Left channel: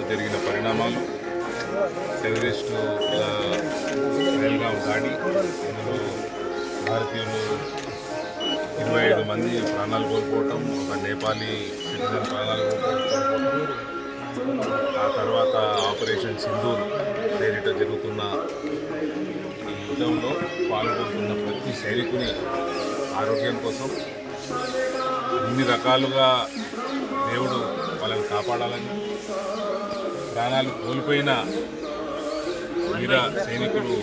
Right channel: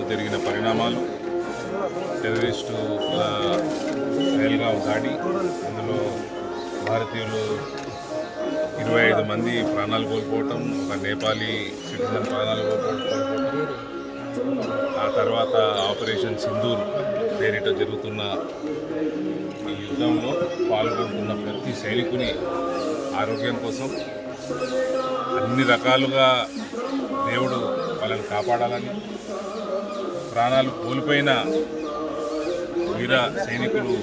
జరిగిన పరిణామాలు టెర్రరిస్టుల రైల్గాం దాడి, అందులో భారతీయులు 25 మంది ప్రాణాలు కోల్పోవటం, ఒక నేపాలీ సిటిజన్ ప్రాణాలు కోల్పోవటం, ఆ తర్వాత ఆపరేషన్ సింధూర్ పేరిట జరుగుతున్న ఈ యుద్ధంలో పాల్గొంటున్న ప్రతి సైనికుని ఆరోగ్యం కోసం అన్ని రకాలుగా దేవుడు వాళ్ళని కాపాడాలని, ప్రాణాలు కోల్పోయిన వీర సైనికులు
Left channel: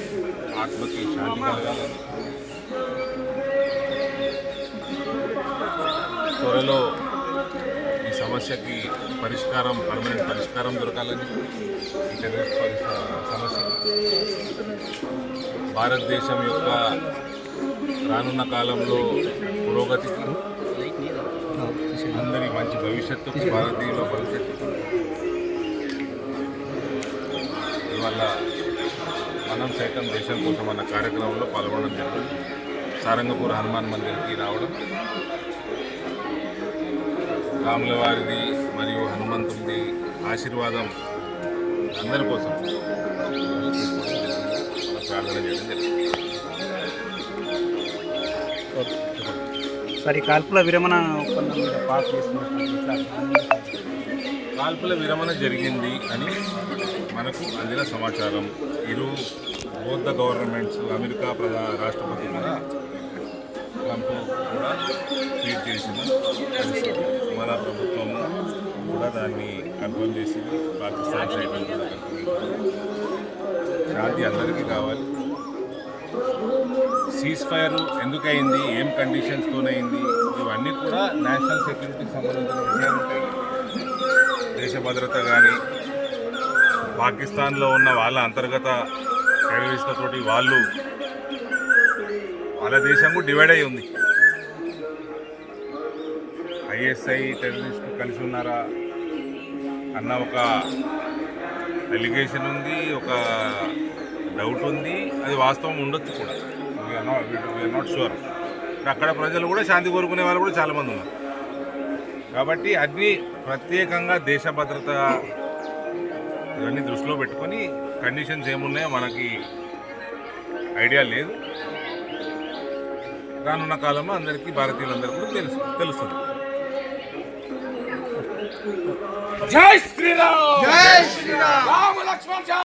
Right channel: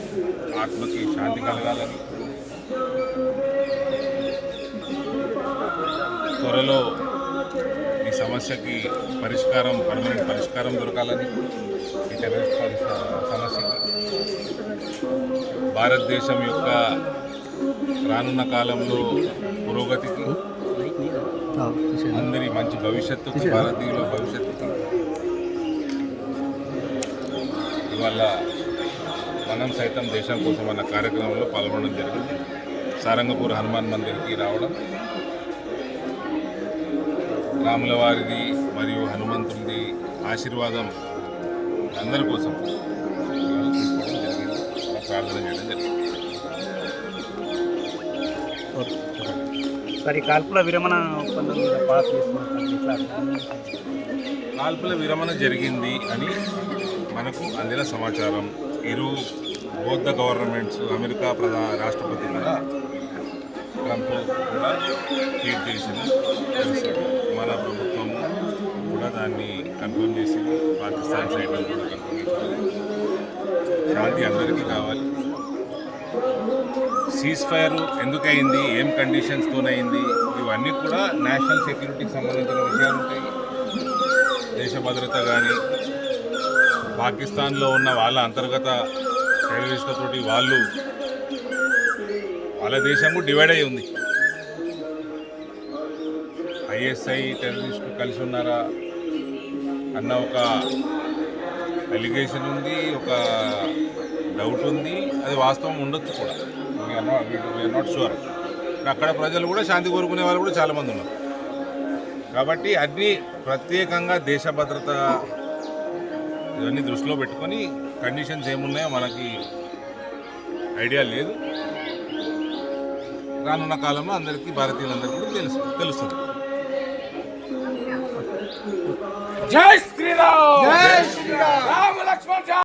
ఆత్మకి శాంతి కలగాలని, త్వరలో ఈ సమస్యకి పర్మనెంట్ పరిష్కారం దొరకాలని, ఈ టెర్రరిస్ట్ సమస్యకి భారతదేశం యొక్క రానున్న కాలంలో పురోగతికి, అందరి మంచి భవిష్యత్తుకి, భారతీయుల భవిష్యత్తుకి ఇవాళ మనం సైతం దేశం కోసం అన్న కార్యక్రమంలో పాల్గొనడం జరిగింది. సారంగపూర్ హనుమాన్ మందిర్కి రావడం, రాముల వారిది మరియు హనుమంతుడిది ఆశీర్వాదం అందరి కోసం తీసుకోవడం జరిగింది. అలా ప్రార్థన చేయడం జరిగింది. సరే, కాల్పుల విరమణ ఒప్పందం మీద పాస్ కాల్పుల విరమణ జరిగింది అని మనకు అందిన సమాచారం. బోత్ ద గవర్నమెంట్స్, అమెరికా రాష్ట్రపతి కూడా ట్రంప్ కూడా ట్వీట్ చేసిన పరిస్థితి, మన ప్రభుత్వం కూడా దాన్ని కన్ఫర్మ్ చేసింది, పాకిస్తాన్ సైడ్ కూడా కన్ఫర్మ్ చేసింది. శాంతి అందరికీ కావాలి. సీజ్ ఫైర్ ఎందుకయింది, ఏం కండిషన్స్తోనైంది, ఇవన్నీ కూడా నేషనల్ సెక్యూరిటీకి సంబంధించిన విషయాలు ఉంటాయి. దేశ భద్రత కానీ, పాకిస్తాన్లో ఉన్న వాళ్ళ అంతర్గత టెర్రరిస్టులతోటి వాళ్ళ దేశము డివైడ్ అయి ఉంది. ఐఎస్ఐ టెర్రరిస్టు కలిసి ఉన్నారా అన్న ఒక అలిగేషన్ ఉంది, ఒక డౌట్ ఉంది. అది వాస్తవం ఉండొచ్చు కూడా, వీఆర్ నాట్ షూర్. అక్కడ ప్రజలు కూడా శాంతి కోరుకునే వాళ్ళు కూడా చాలామంది ఉన్నారు. కాబట్టి అన్నీ ప్రత్యేకంగా దేశ భద్రత ఇవన్నీ దృష్టిలో పెట్టుకొని కండిషన్స్ ఏమున్నాయో మనకి ఐడియా లేదు. రానున్న కాలంలో అందరికీ, భారతీయులందరికీ కూడా తెలుస్తుంది. జై శ్రీరామ్, జై శ్రీరామ్.